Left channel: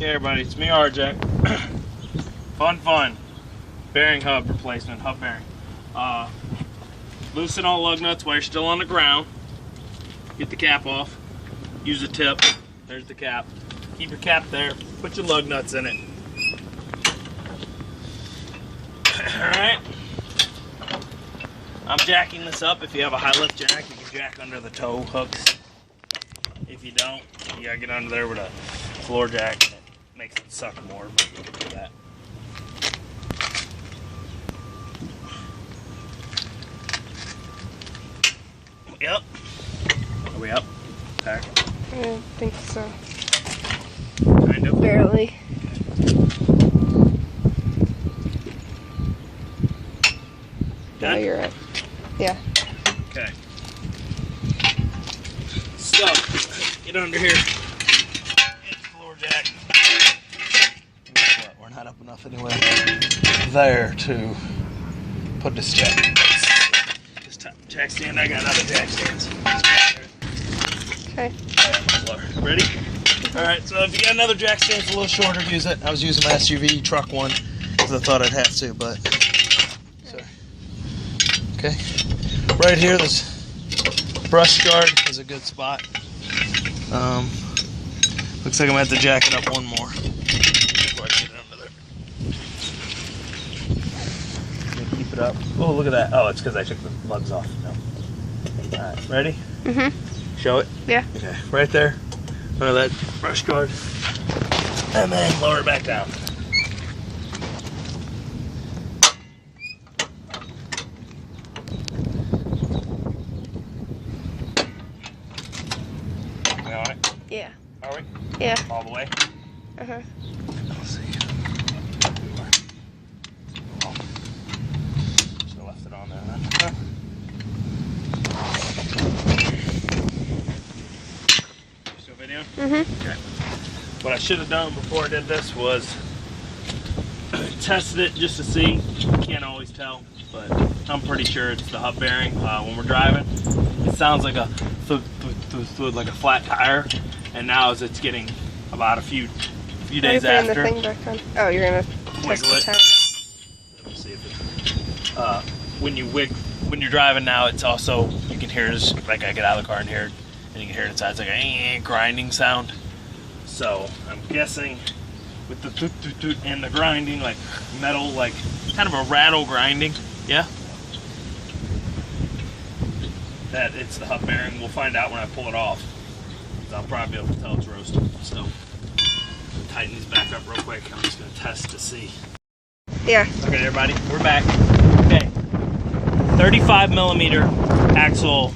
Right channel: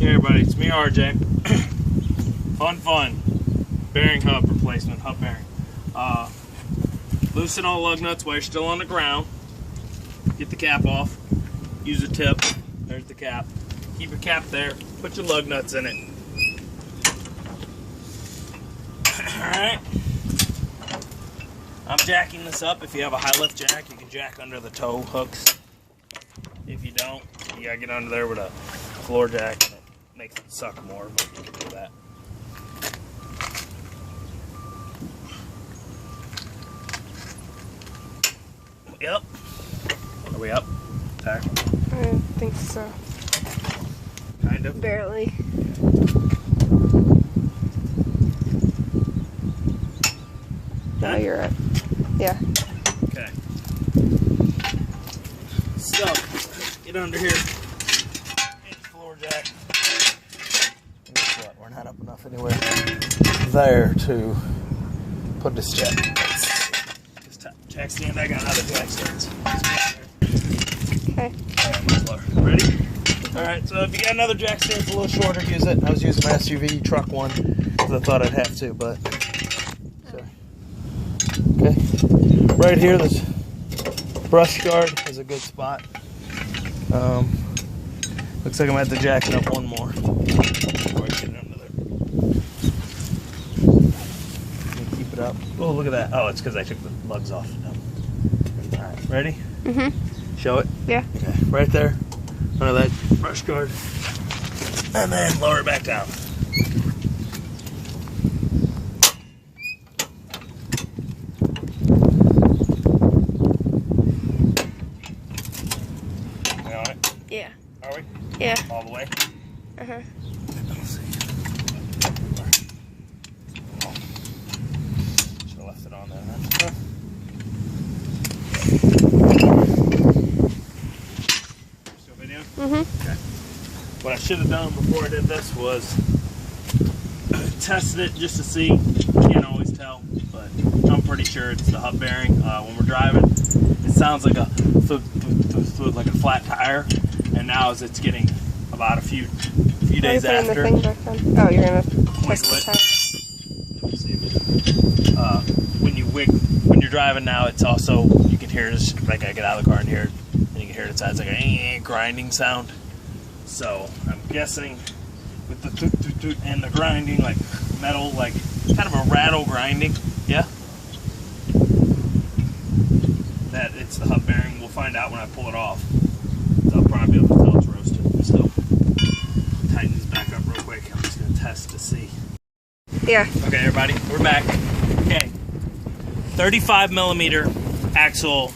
Okay, everybody, it's me, RJ. Fun. Bearing hub replacement, hub bearing. Loosen all lug nuts while you're still on the ground. Get the cap off. Use a tip. There's the cap. Keep your cap there. Put your lug nuts in it. Alright. I'm jacking this up. If you have a high lift jack, you can jack under the tow hooks. If you don't, you gotta get under there with a floor jack. It makes it suck more, but you can do that. Yep. Are we up? Tack? I think so. Kind of. Barely. Now you're up. Yeah. Okay. So, get under here. Get the floor jack. Guess what? We're not up enough anywhere there to put this jack in place. This jack stand, I got another jack stands. Okay. Ready? Alright, so if you got another jack stand, it's a little shorter, use it. I was using my SUV truck one because I thought I'd have to, but. Sorry. Okay. Right here, this brush guard is a good spot. Looks like I'm going to have to jack it up one more. Before I get it under there. Keep it up. Oh, look at that. Oh, it's because I took the lugs off. No. Alright, ready? Mm-hmm. Show it? Yeah. Okay, right there. Under that brush guard. And then lower it back down. We on it? Yeah. Are we? Yeah. All the way? Uh-huh. Let's see. Should have left it on there, huh? Still video? Mm-hmm. Okay. What I should have done before I did this was tested it just to see. Can't always tell, but I'm pretty sure it's the hub bearing. When we're driving, it sounds like a like a flat tire, and now as it's getting about a few days Are you after. putting the thing back on? Oh, you're gonna test the tire. Let me see if it, when you're driving now, it's also, you can hear this, like I get out of the car and hear it, and you can hear it inside. It's like a grinding sound. So I'm guessing with the toot toot toot and the grinding, like metal, like kind of a rattle grinding, yeah, that it's the hub bearing. We'll find out when I pull it off. So I'll probably be able to tell it's roasted still. Tighten these back up real quick. I'm just gonna test to see. Yeah. Okay, everybody, we're back. Okay, 35 millimeter axle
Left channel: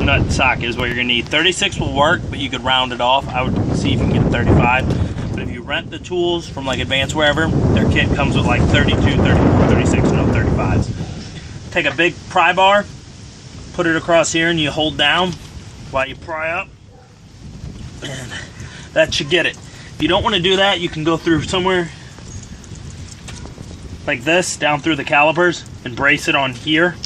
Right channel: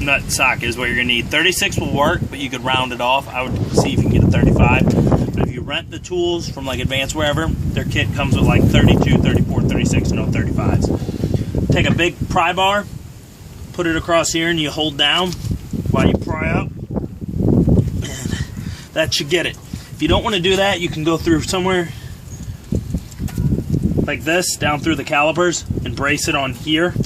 nut socket is what you're gonna need. 36 will work, but you could round it off. I would see if you can get a 35. But if you rent the tools from like Advance wherever, their kit comes with like 32, 34, 36, no 35s. Take a big pry bar, put it across here, and you hold down while you pry up, and that should get it. If you don't want to do that, you can go through somewhere like this, down through the calipers, and brace it on here,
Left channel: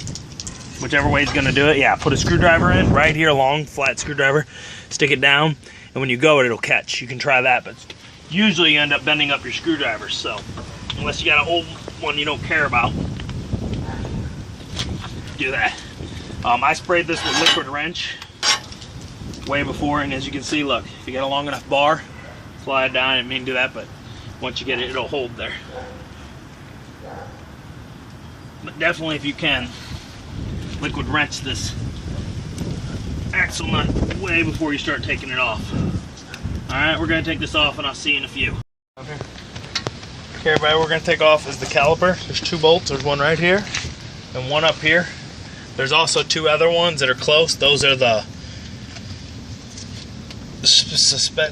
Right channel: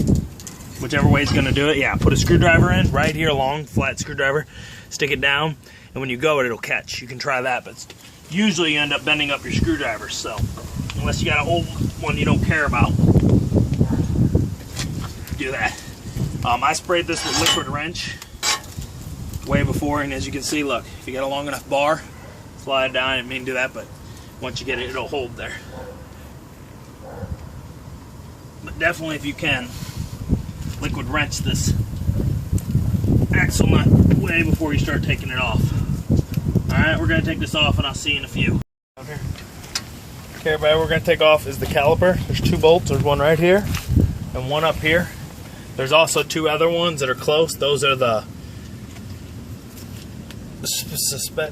whichever way is going to do it. Yeah, put a screwdriver in right here, long flat screwdriver, stick it down, and when you go it'll catch. You can try that, but usually you end up bending up your screwdrivers, so unless you got an old one you don't care about, do that. I sprayed this with liquid wrench way before, and as you can see, look, if you got a long enough bar, slide down. I didn't mean to do that, but once you get it, it'll hold there. But definitely, if you can, liquid wrench this axle nut way before you start taking it off. Alright, we're going to take this off, and I'll see you in a few. Okay, everybody, we're going to take off is the caliper. There's two bolts. There's one right here and one up here. There's also two other ones that are close. Those are the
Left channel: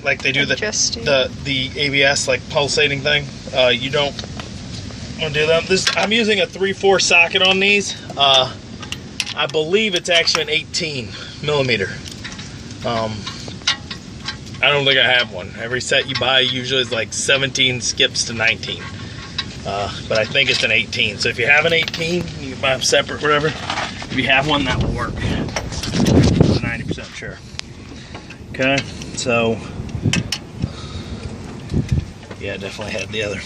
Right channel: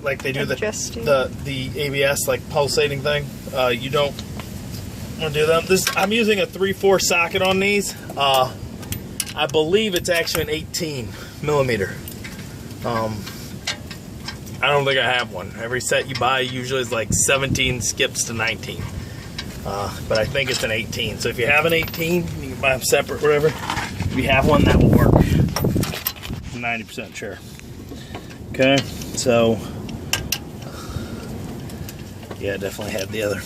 like they do the ABS, like pulsating thing. You don't want to do them. I'm using a 3/4 socket on these. I believe it's actually an 18 millimeter. I don't think I have one. Every set you buy usually is like 17 skips to 19. But I think it's an 18. So if you have an 18, you can buy them separate, whatever. If you have one, that will work. I'm 90% sure. Okay, so Yeah, definitely had the other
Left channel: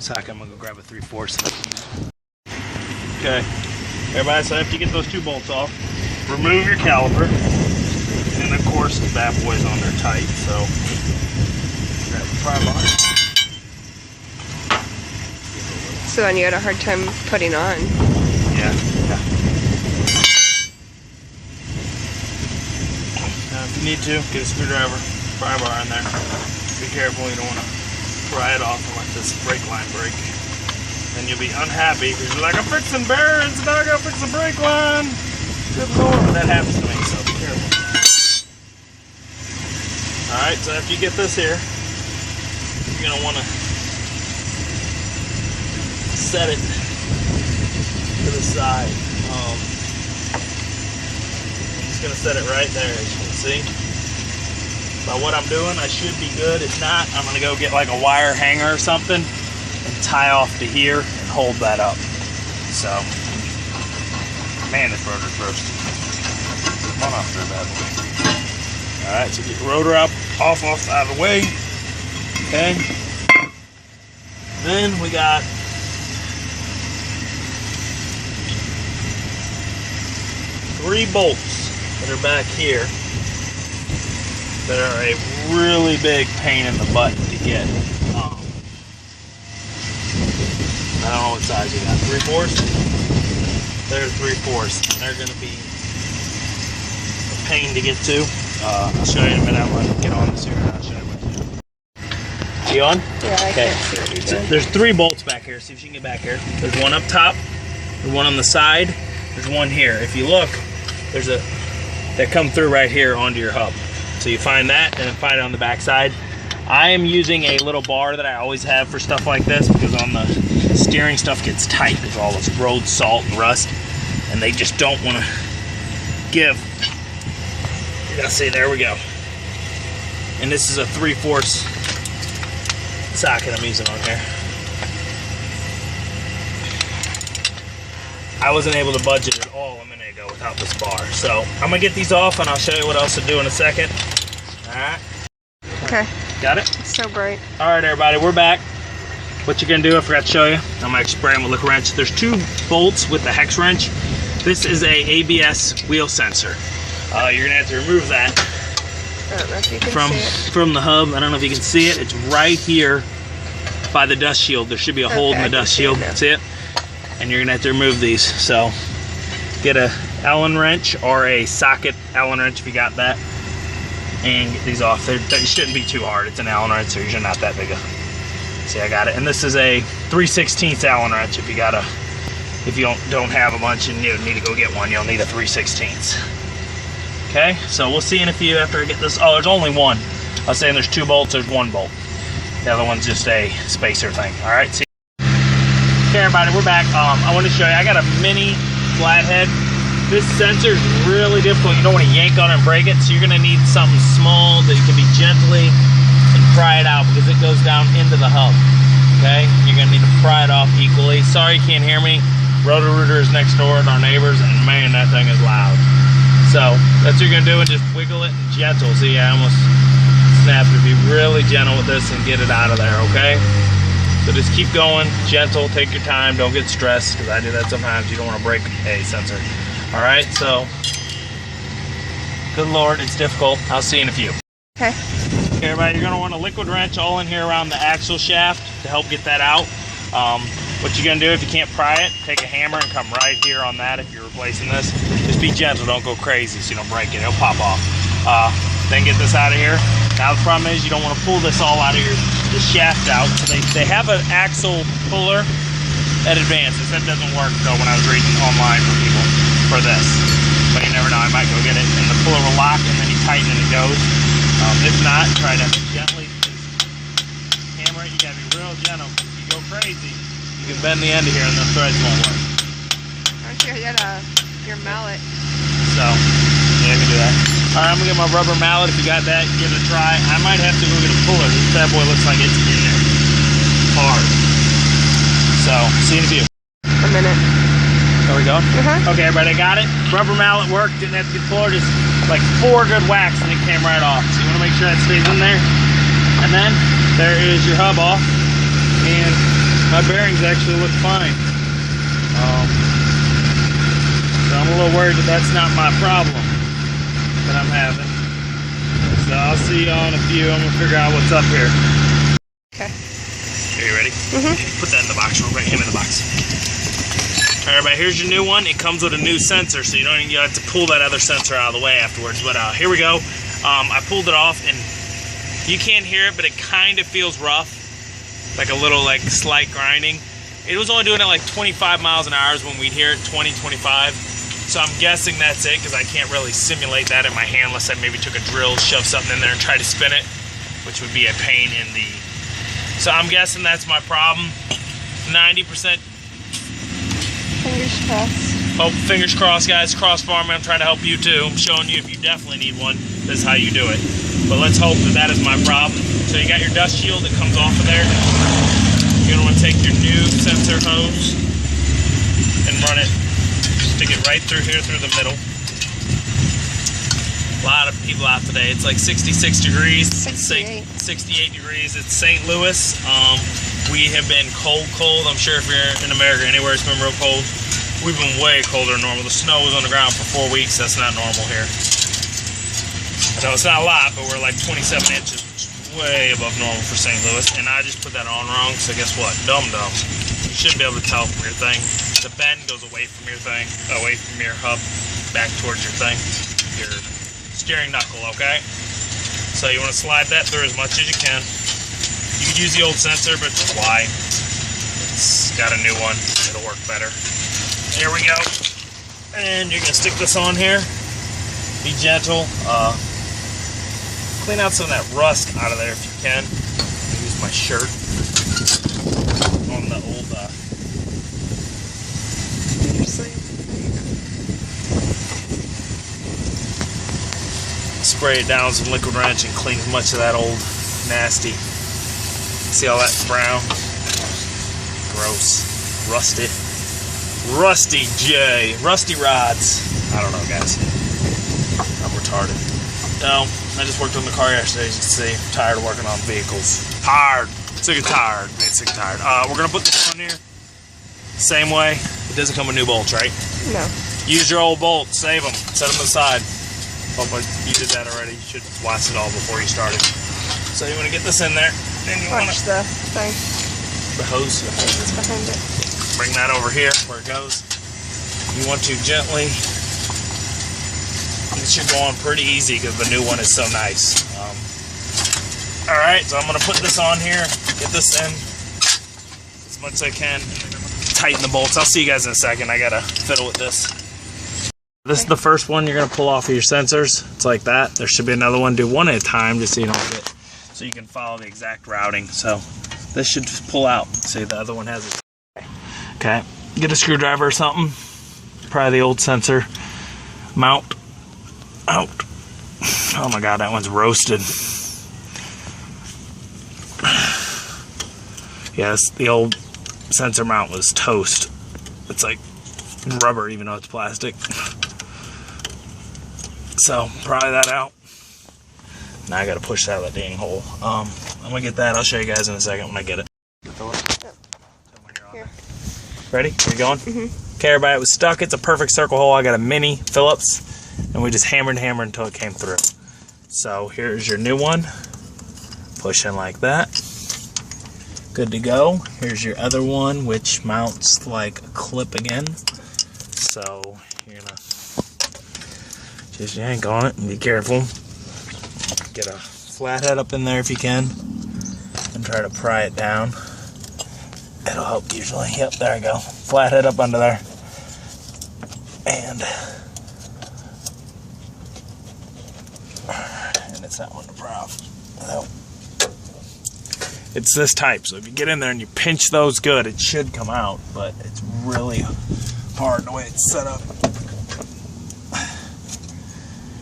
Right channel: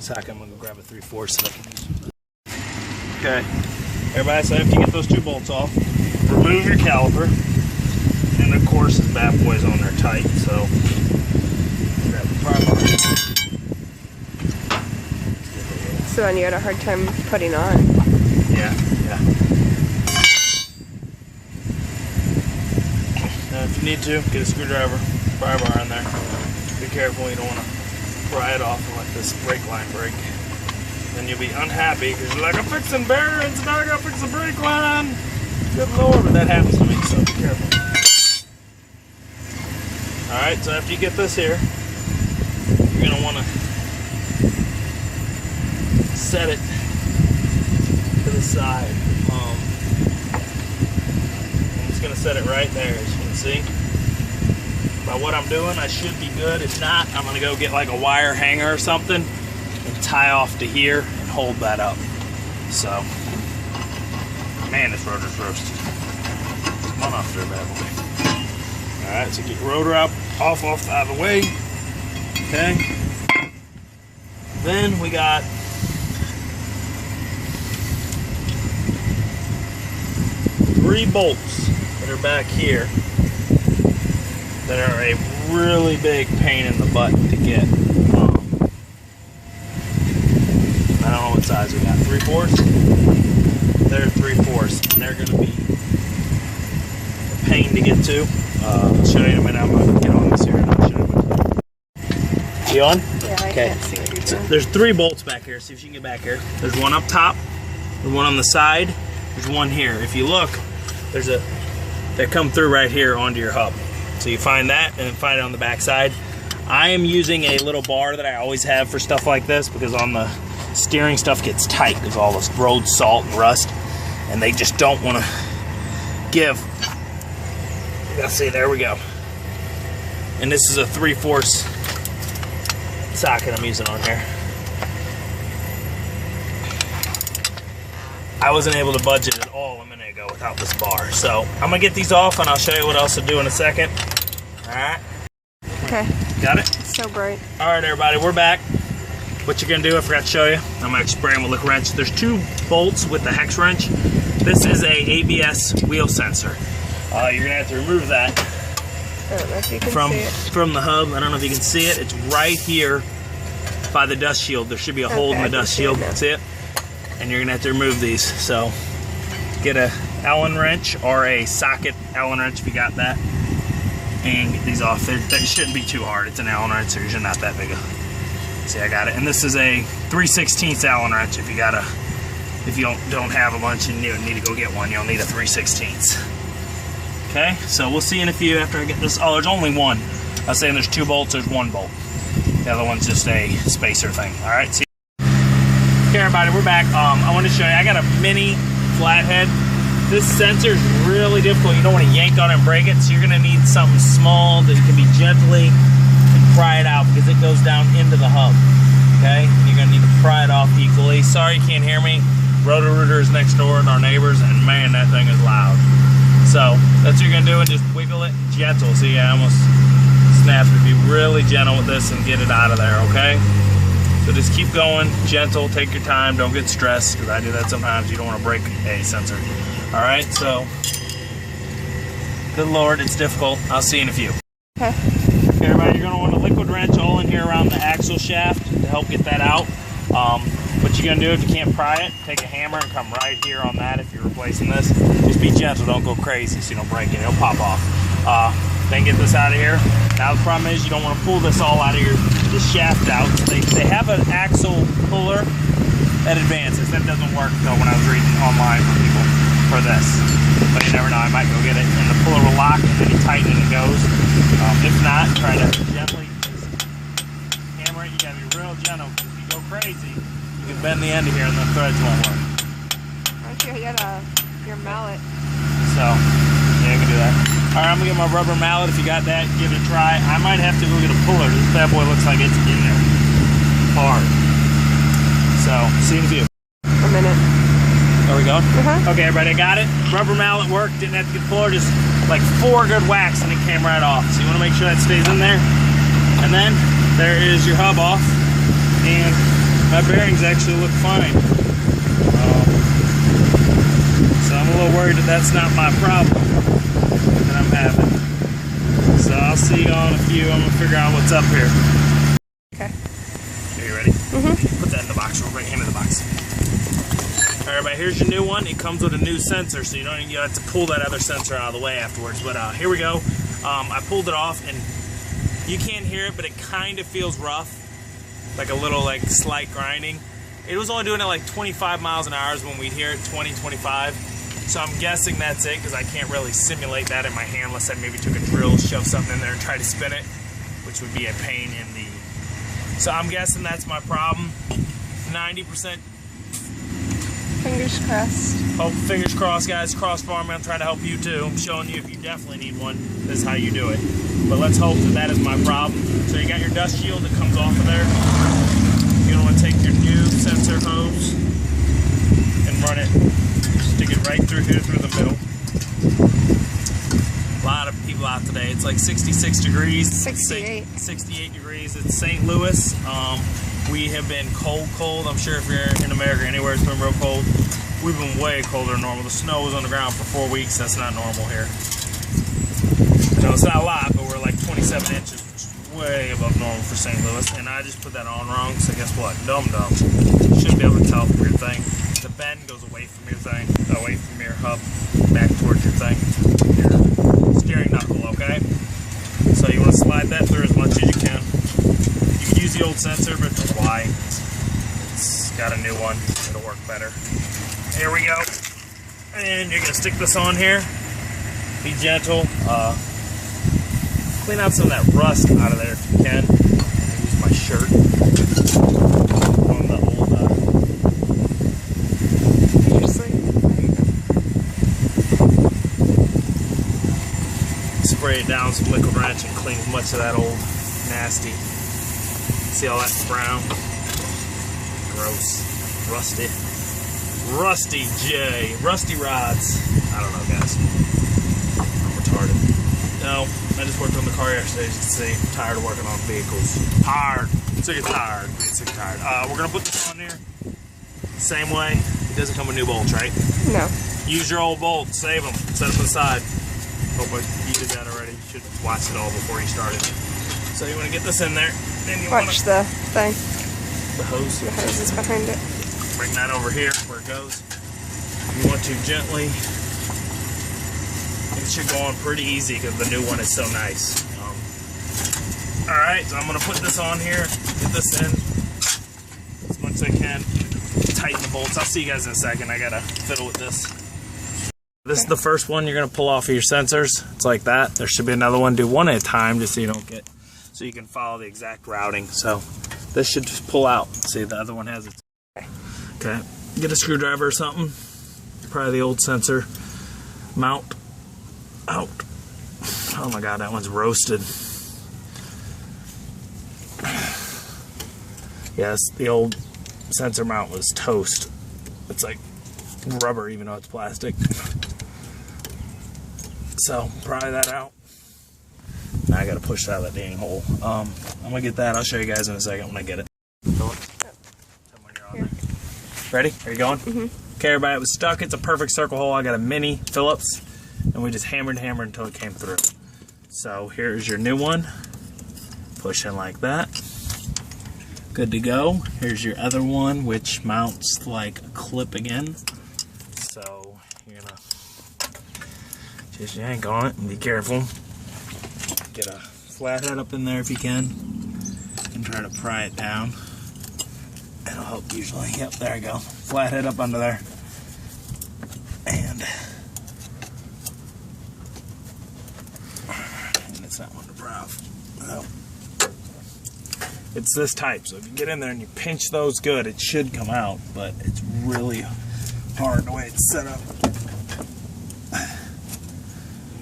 socket. I'm gonna go grab a 3/4 so that I can use it. Okay, everybody, so after you get those 2 bolts off, remove your caliper. And of course, this bad boy's on there tight, so grab the pry bar. So then you had a hard time putting on. Yeah. Now, if you need to, get a screwdriver, pry bar in there. Be careful, you don't want to pry it off and let this brake line break. Then you'll be unhappy because you're like, I'm fixing bearings, now I gotta fix the brake line. Good Lord, but that happens to me, so be careful. Alright, so after you get this here, you're going to want to set it to the side. I'm just going to set it right there, as you can see. By what I'm doing, I should be good. If not, I'm going to go get like a wire hanger or something and tie off to here and hold that up. So, man, this rotor's roasted. Come on off there, bad boy. Alright, so get your rotor up, off out of the way. Okay. Then we got three bolts that are back here that are a really big pain in the butt to get. I don't know what size we got. 3/4? They're 3/4, and they're going to be a pain to get to. I'll show you in a minute. I'm going to get on this here and I'll show you what to do. You on? Yeah, I okay. can't see what you're doing. There's three bolts back here. See if you can get back here. There's one up top. There's one on the side. There's one here. If you look, there's a that come through right here onto your hub. So you find that and then find it on the back side. I am using a little bar that I always have for stuff like this because on the steering stuff gets tight with all this road salt and rust, and they just don't want to give. Yeah, see, there we go. And this is a 3/4 socket I'm using on here. I wasn't able to budget at all a minute ago without this bar. So I'm gonna get these off and I'll show you what else to do in a second. All right. Okay. Got it? It's so bright. All right, everybody, we're back. What you're gonna do, I forgot to show you. I'm gonna spray them with a wrench. There's two bolts with the hex wrench. This is a ABS wheel sensor. You're gonna have to remove that I don't know if you can see it. from the hub. I don't know if you can see it. It's right here by the dust shield. There should be a hole in the dust shield. See it? And you're gonna have to remove these. So get a Allen wrench or a socket Allen wrench if you got that, and get these off. They shouldn't be too hard. It's an Allen wrench, so usually not that big. See, I got it. And this is a 3/16 Allen wrench. If you don't have a bunch and you need to go get one, you'll need a 3/16. Okay, so we'll see in a few after I get this. Oh, there's only one. I was saying there's two bolts, there's one bolt. The other one's just a spacer thing. All right, see. Okay, everybody, we're back. I want to show you, I got a mini flathead. This sensor is really difficult. You don't want to yank on it and break it, so you're going to need something small that you can be gently and pry it out because it goes down into the hub. Okay, you're going to need to pry it off equally. Sorry you can't hear me. Roto-Rooter is next door and our neighbors, and man, that thing is loud. So that's what you're going to do, and just wiggle it gentle. See, I almost snapped it. Be really gentle with this and get it out of there, okay? So just keep going, gentle, take your time, don't get stressed, because I do that sometimes. You don't want to break a sensor. All right, so good Lord, it's difficult. I'll see you in a few. Okay. Okay, everybody, you're going to want a liquid wrench all in here around the axle shaft to help get that out. What you're going to do, if you can't pry it, take a hammer and come right here on that if you're replacing this. Just be gentle, don't go crazy so you don't break it. It'll pop off. Then get this out of here. Now the problem is you don't want to pull this all out of the shaft out. They have an axle puller at Advanced. That doesn't work though when I was reading online for people for this. But you never know, I might go get it. And the puller will lock and then you tighten and it goes. If not, try to gently hammer it. You gotta be real gentle. If you go crazy, you can bend the end of here and the threads won't work. Why don't you get your mallet? So, yeah, I can do that. All right, I'm gonna get my rubber mallet. If you got that, give it a try. I might have to go get a puller. This bad boy looks like it's in there hard. So, see you in a few. A minute. There we go. Uh-huh. Okay, everybody, got it. Rubber mallet worked. Didn't have to get the puller. Just like 4 good whacks and it came right off. So you want to make sure that stays in there. And then there is your hub off, and my bearings actually look fine. So I'm a little worried that that's not my problem that I'm having. So I'll see you on a few. I'm gonna figure out what's up here. Okay. Are you ready? Mm-hmm. Put that in the box real quick. Hand me the box. All right, everybody, here's your new one. It comes with a new sensor, so you have to pull that other sensor out of the way afterwards. But here we go. I pulled it off, and you can't hear it, but it kind of feels rough, like a little slight grinding. It was only doing it like 25 miles an hour when we'd hear it, 20, 25. So I'm guessing that's it, because I can't really simulate that in my hand unless I maybe took a drill, shoved something in there, and tried to spin it, which would be a pain in the... So I'm guessing that's my problem. 90%. Fingers crossed. Oh, fingers crossed, guys. Cross farming. I'm trying to help you too. I'm showing you if you definitely need one, this is how you do it. But let's hope that that is my problem. So you got your dust shield that comes off of there. You're gonna want to take your new sensor hose and run it. Stick it right through here, through the middle. A lot of people out today. It's like 66 degrees. 68 degrees. It's St. Louis. We have been cold. I'm sure if you're in America anywhere, it's been real cold. We've been way colder than normal. The snow was on the ground for 4 weeks. That's not normal here. No, it's not a lot, but we're like 27 inches, which is way above normal for St. Louis. And I just put that on wrong, so guess what? Dum-dum. Should be able to tell from your thing. The bend goes away from your thing, away from your hub, back towards your thing, your steering knuckle, okay? So you want to slide that through as much as you can. You can use the old sensor, but why? It's got a new one. It'll work better. Here we go. And you're going to stick this on here. Be gentle. Clean out some of that rust out of there if you can. Use my shirt on the old... Spray it down with some liquid wrench and clean as much of that old nasty. See all that brown? Gross. Rusty. Rusty J. Rusty rods. I don't know, guys. I'm retarded. No, I just worked on the car yesterday, as you can see. I'm tired of working on vehicles. Tired. Sick of tired. Sick of tired. We're going to put this on here. Same way. It doesn't come with new bolts, right? No. Use your old bolts. Save them. Set them aside. Hope you did that already. You should watch it all before you started. So you want to get this in there. Then you watch the thing. The hose. The hose is behind it. Bring that over here where it goes. You want to gently. It should go on pretty easy because the new one is so nice. All right, so I'm gonna put this on here. Get this in as much as I can. Tighten the bolts. I'll see you guys in a second. I gotta fiddle with this. This is the first one you're gonna pull off of your sensors. It's like that. There should be another one. Do one at a time just so you don't get, so you can follow the exact routing. So this should just pull out. See, the other one has it. Okay, get a screwdriver or something. Probably the old sensor mount out. Oh my God, that one's roasted. Yes, the old sensor mount was toast. It's like rubber, even though it's plastic. So, pry that out. Now I gotta push it out of that dang hole. I'm gonna get that. I'll show you guys in a second when I get it. Here. Ready? Are we going? Okay, everybody, it was stuck. It's a perfect circle hole. I got a mini Phillips, and we just hammered until it came through. So, here's your new one. Push in like that. Good to go. Here's your other one, which mounts like a clip again. So you're gonna just yank on it and be careful. Get a flathead up in there if you can, and try to pry it down. It'll help usually. Yep, there we go. Flathead up under there, and it's not one to pry off. No. It's this type, so if you get in there and you pinch those good, it should come out, but it's really hard the way it's set up.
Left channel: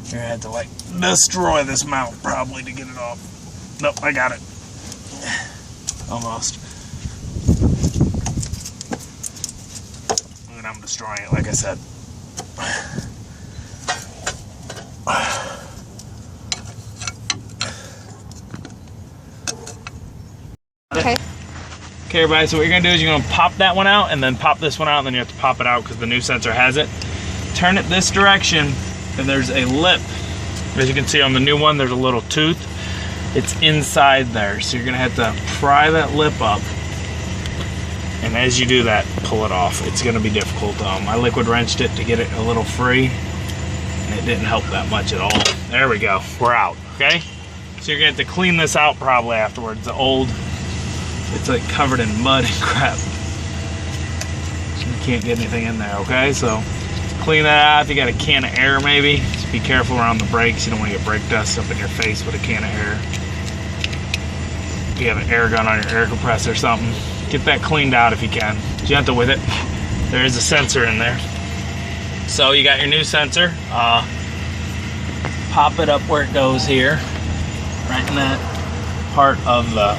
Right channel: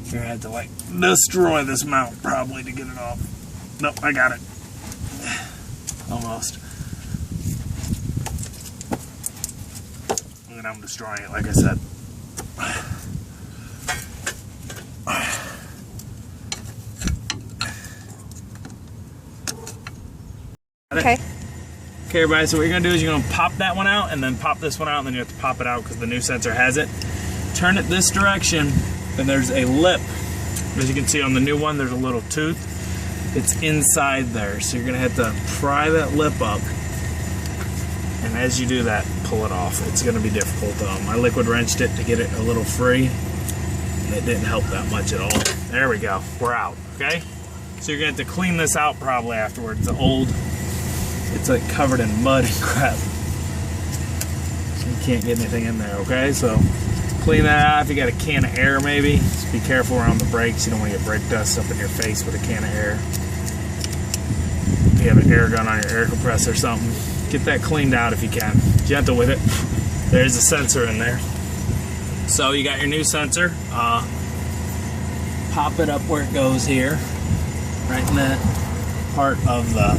You're gonna have to like destroy this mount probably to get it off. Nope, I got it. Almost. And I'm destroying it, like I said. Okay. Okay, everybody, so what you're gonna do is you're gonna pop that one out and then pop this one out, and then you have to pop it out because the new sensor has it. Turn it this direction, and there's a lip. As you can see on the new one, there's a little tooth. It's inside there, so you're gonna have to pry that lip up. And as you do that, pull it off. It's gonna be difficult. I liquid wrenched it to get it a little free, and it didn't help that much at all. There we go, we're out, okay? So you're gonna have to clean this out probably afterwards. The old, it's like covered in mud and crap. You can't get anything in there, okay? So clean that out. If you got a can of air maybe, just be careful around the brakes. You don't want to get brake dust up in your face with a can of air. If you have an air gun on your air compressor or something, get that cleaned out if you can. Gentle with it. There is a sensor in there. So you got your new sensor. Pop it up where it goes here, right in that part of the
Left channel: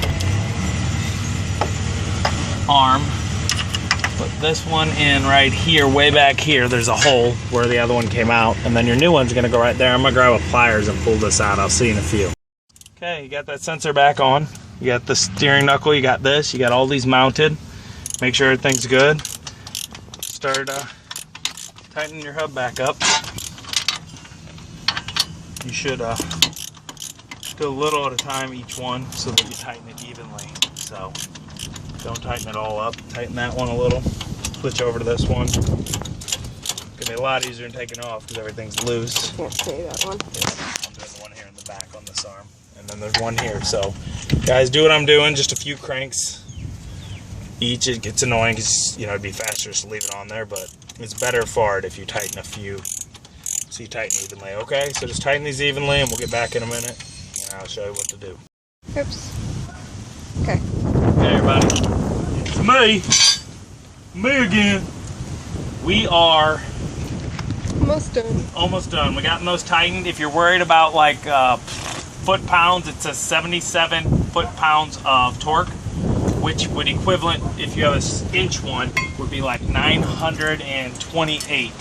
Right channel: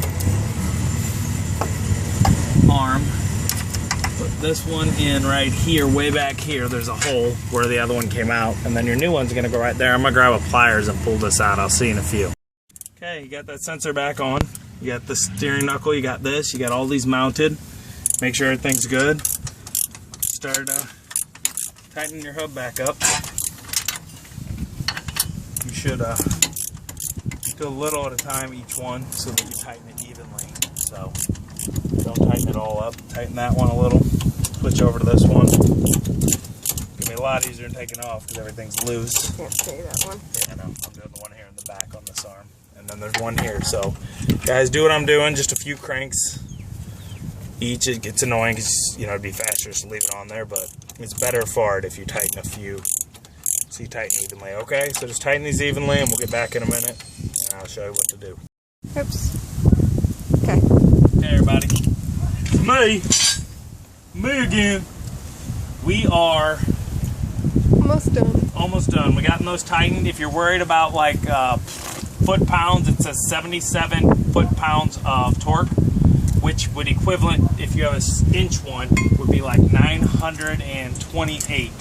arm. Put this one in right here, way back here. There's a hole where the other one came out, and then your new one's gonna go right there. I'm gonna grab a pliers and pull this out. I'll see you in a few. Okay, you got that sensor back on. You got the steering knuckle, you got this, you got all these mounted. Make sure everything's good. Start tightening your hub back up. You should do a little at a time each one so that you tighten it evenly. So don't tighten it all up. Tighten that one a little. Switch over to this one. It's gonna be a lot easier than taking off because everything's loose. Can't see that one. Yeah, I'm doing the one here in the back on this arm. And then there's one here. So guys, do what I'm doing, just a few cranks each. It gets annoying because, you know, it'd be faster just to leave it on there, but it's better for it if you tighten a few so you tighten evenly. Okay, so just tighten these evenly and we'll get back in a minute and I'll show you what to do. Oops. Okay. Hey everybody, it's me again. We are almost done. Almost done. We got those tightened. If you're worried about like foot-pounds, it says 77 foot-pounds of torque, which would equivalent, if you have an inch one, would be like 928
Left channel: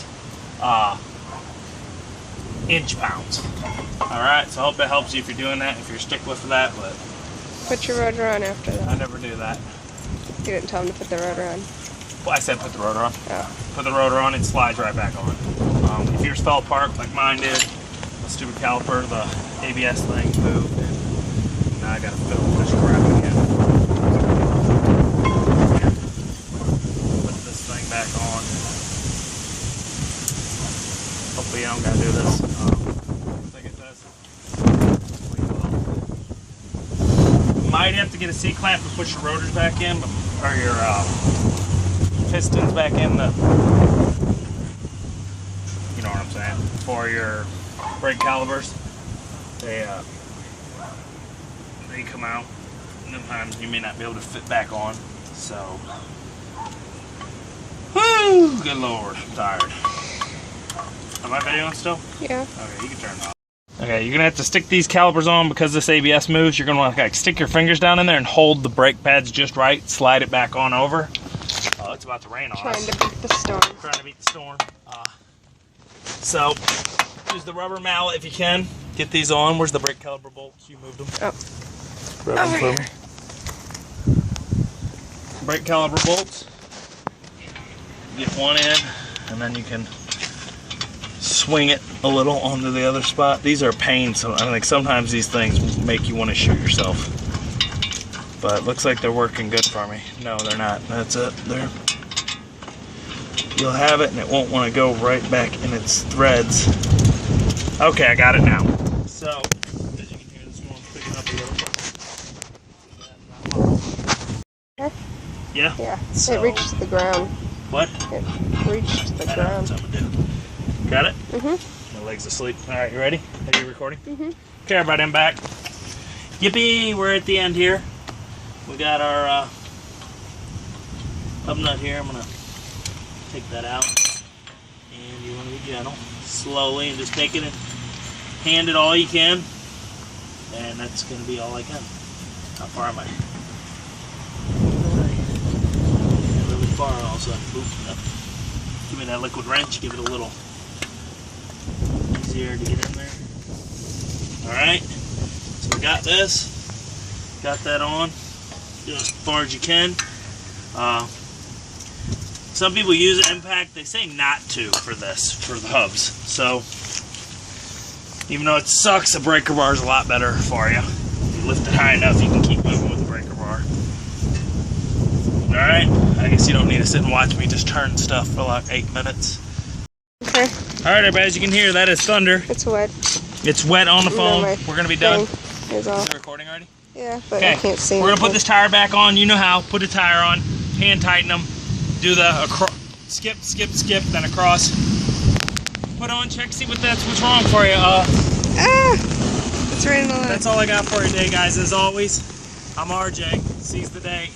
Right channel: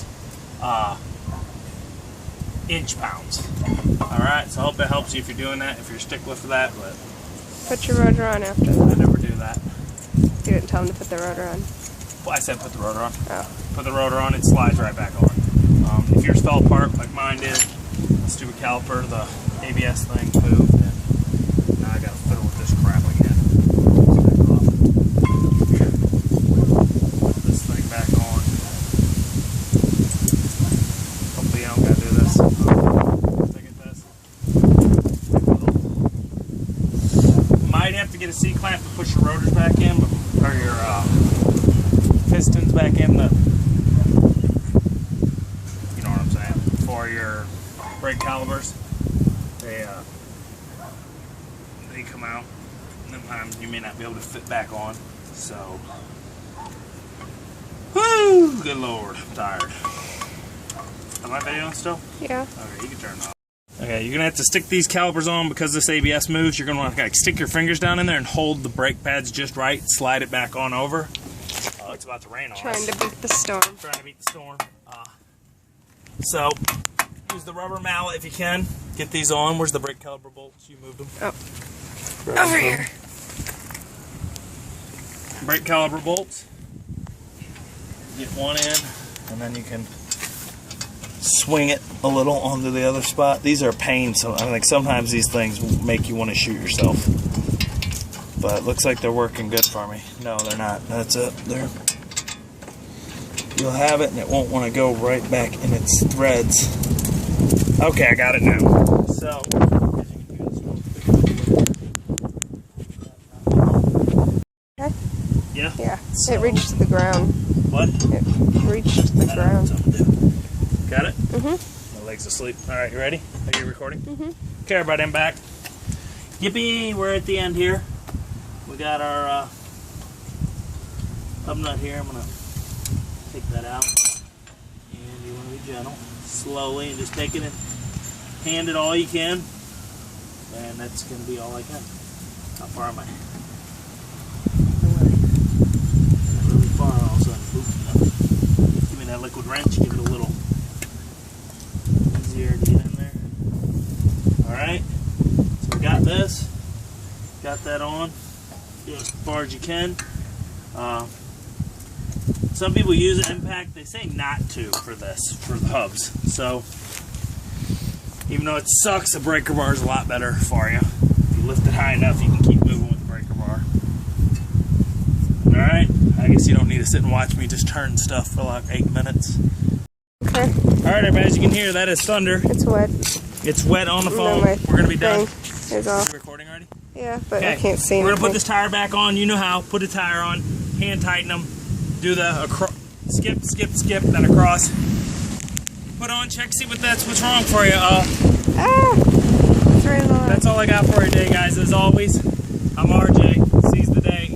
inch-pounds. All right, so I hope it helps you if you're doing that, if you're a stickler for that, but put your rotor on after that. I never do that. You didn't tell him to put the rotor on. Well, I said put the rotor on. Oh. Put the rotor on, it slides right back on. If yours fell apart like mine did, the stupid caliper, the ABS thing moved, and now I gotta fiddle with this crap again. Put this thing back on. Hopefully I don't gotta do this. Look at this. Might have to get a C-clamp to push your rotors back in, or your pistons back in, the, you know what I'm saying, for your brake calipers. They come out, and sometimes you may not be able to fit back on. So, whoo, good Lord, I'm tired. Am I videoing still? Yeah. Okay, you can turn it off. Okay, you're gonna have to stick these calipers on because this ABS moves. You're gonna want to like stick your fingers down in there and hold the brake pads just right. Slide it back on over. It's about to rain on us. Trying to beat the storm. Trying to beat the storm. So use the rubber mallet if you can. Get these on. Where's the brake caliper bolts? You moved them. Oh. Grab Over them here. Brake caliper bolts. Get one in, and then you can swing it a little onto the other spot. These are a pain, so I think sometimes these things make you want to shoot yourself. But it looks like they're working good for me. No, they're not. That's it. There. You'll have it, and it won't want to go right back in its threads. Okay, I got it now. So, as you can hear, this one's picking up a little. Yeah? Yeah. So, it reached to the ground. What? It reached to the I know ground. what I'm gonna do. Got it? Mm-hmm. My leg's asleep. All right, you ready? Are you recording? Mm-hmm. Okay, everybody, I'm back. Yippee! We're at the end here. We got our hub nut here. I'm gonna take that out, and you want to be gentle, slowly, and just take it and hand it all you can, and that's gonna be all I can. How far am I? Not really far. All of a sudden, boop, nothing. Give me that liquid wrench. Give it a little easier to get in there. All right. So we got this. Got that on. do it as far as you can. Some people use an impact. They say not to for this, for the hubs. So even though it sucks, a breaker bar is a lot better for you. If you lift it high enough, you can keep moving with the breaker bar. All right, I guess you don't need to sit and watch me just turn stuff for like 8 minutes. Okay. All right, everybody, as you can hear, that is thunder. It's wet. It's wet on the phone. We're gonna be done. Is it recording already? Yeah, but I can't see. We're gonna put this tire back on. You know how? Put a tire on, hand tighten them, do the skip, skip, skip, then across. Put on, check, see what's wrong for you. It's right in the line. That's all I got for you today, guys. As always, I'm RJ. Seize the day.